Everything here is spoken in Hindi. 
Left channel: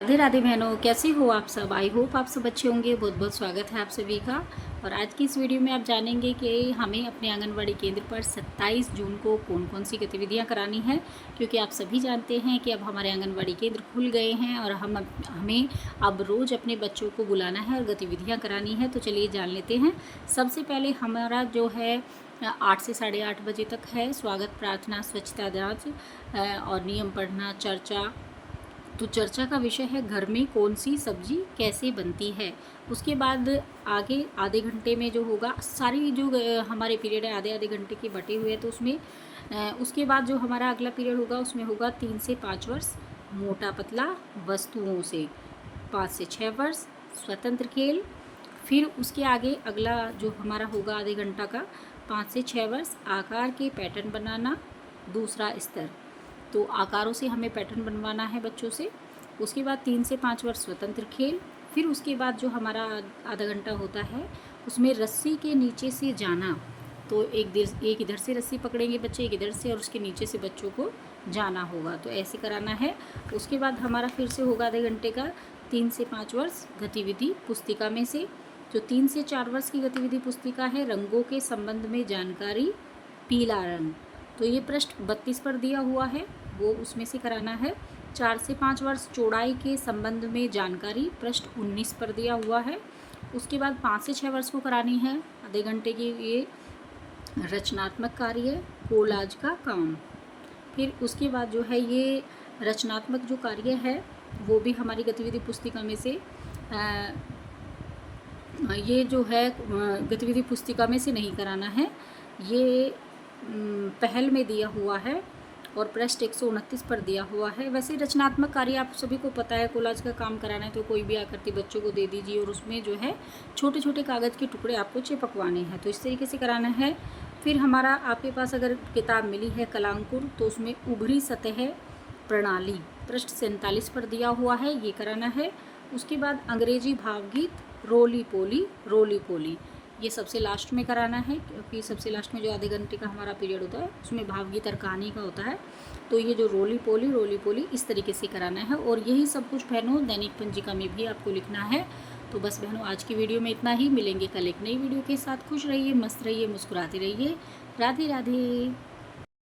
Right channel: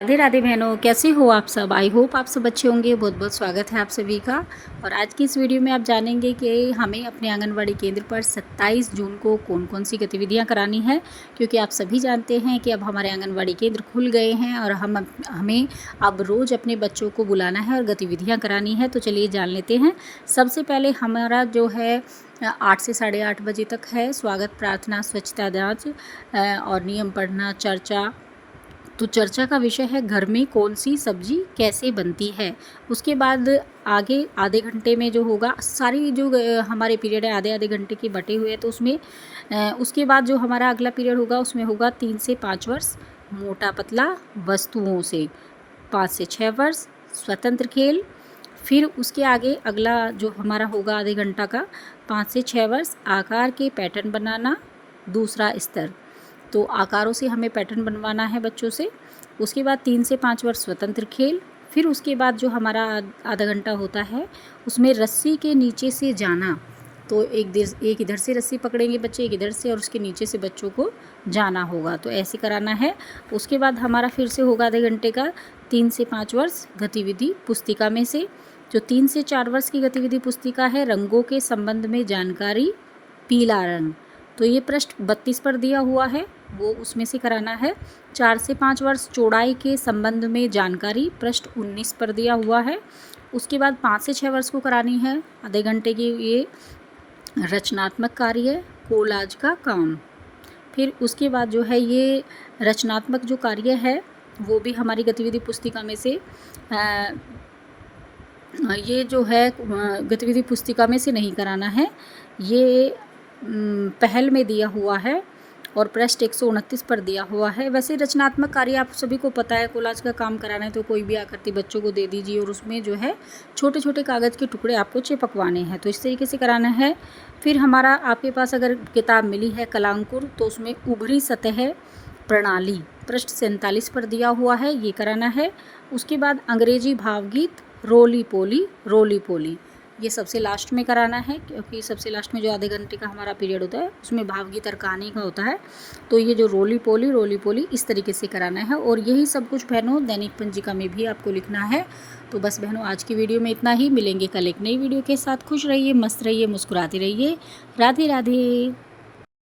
राधे राधे बहनों, कैसे हो आप सब। आई होप आप सब अच्छे होंगे। बहुत बहुत स्वागत है आप सभी का। और आज की इस वीडियो में आप जानेंगे कि हमें अपने आंगनवाड़ी केंद्र पर 27 जून को कौन कौन सी गतिविधियां करानी है, क्योंकि आप सभी जानते हैं कि अब हमारे आंगनवाड़ी केंद्र खुल गए हैं और हमें अब रोज़ अपने बच्चों को बुलाना है और गतिविधियाँ करानी है। तो चलिए जान लेते हैं। सबसे पहले हमारा जो है 8 से 8:30 बजे तक है स्वागत, प्रार्थना, स्वच्छता जाँच और नियम पढ़ना, चर्चा। तो चर्चा का विषय है घर में कौन सी सब्जी कैसे बनती है। उसके बाद आगे आधे घंटे में जो होगा, सारी जो हमारे पीरियड है आधे आधे घंटे के बटे हुए हैं, तो उसमें उसके बाद जो हमारा अगला पीरियड होगा उसमें होगा 3 से 5 वर्ष मोटा पतला वस्तुओं से, 5 से 6 वर्ष स्वतंत्र खेल। फिर उसके आगे अगला जो हमारा होगा आधे घंटा का 5 से 6 वर्ष आकार के पैटर्न बनाना, दूसरा स्तर। तो आकारों से हमें पैटर्न बनवाना है बच्चों से। उसके बाद 3 से 5 वर्ष स्वतंत्र खेल। फिर उसके बाद जो हमारा आधा घंटा होता है उसमें रस्सी के नीचे से जाना। तो एक इधर से रस्सी पकड़ेंगे बच्चे, एक इधर से, और उसके नीचे से बच्चों को जाना होगा। तो ऐसे कराना है। उसके बाद हमारा फिर से होगा आधे घंटे का 3 से 5 वर्ष गतिविधि पुस्तिका में से। जो 3 से 4 वर्ष की गतिविधि पुस्तिका है, रंगों के संबंध में जानकारी, पीला रंग। तो ये पृष्ठ 32 पर दिया हुआ है, वो उसमें से कराना है। 4 से 5 वर्ष चौड़ाई के संबंध में जानकारी, पृष्ठ 19 पर दिया हुआ है। उसके बाद 5 से 6 वर्ष को करानी है आधे घंटे की ये रचनात्मक कार्य, कोलाज का काम। फिर उसके बाद जो है ये रचनात्मक जो कार्य है वो भी हमारी गतिविधि पुस्तिका में से ये जो है गतिविधि पुस्तिका में से नहीं कराना है, ये पहल में दिया हुआ है और पृष्ठ 129 पर दिया हुआ है। वैसे रचनात्मक कार्य आप सभी को पता है, कोलाज का काम कराना है तो कोई भी आकृति बच्चों को दे दीजिए और उसमें जो है छोटे छोटे कागज़ के टुकड़े आपको चिपकवाने हैं, तो इस तरीके से कराना है। फिर हमारा आपके पास अगर किताब मिली है कलांकुर, तो उसमें उभरी सतह प्रणाली, पृष्ठ 47 पर दिया हुआ है, ये कराना है। उसके बाद अंग्रेजी भावगीत रोली पोली, ये सबसे लास्ट में कराना है, क्योंकि सबसे लास्ट में जो आधे घंटे का हमारा पीरियड होता है उसमें भावगीत और कहानी का होता है। तो ये जो रोली पोली इस तरीके से कराना है। और यही सब कुछ बहनों दैनिक पंजिका में भी आपको लिखना है। तो बस बहनों आज की वीडियो में इतना ही। मिलेंगे कल एक नई वीडियो के साथ। खुश रहिए, मस्त रहिए, मुस्कुराते रहिए। राधे राधे।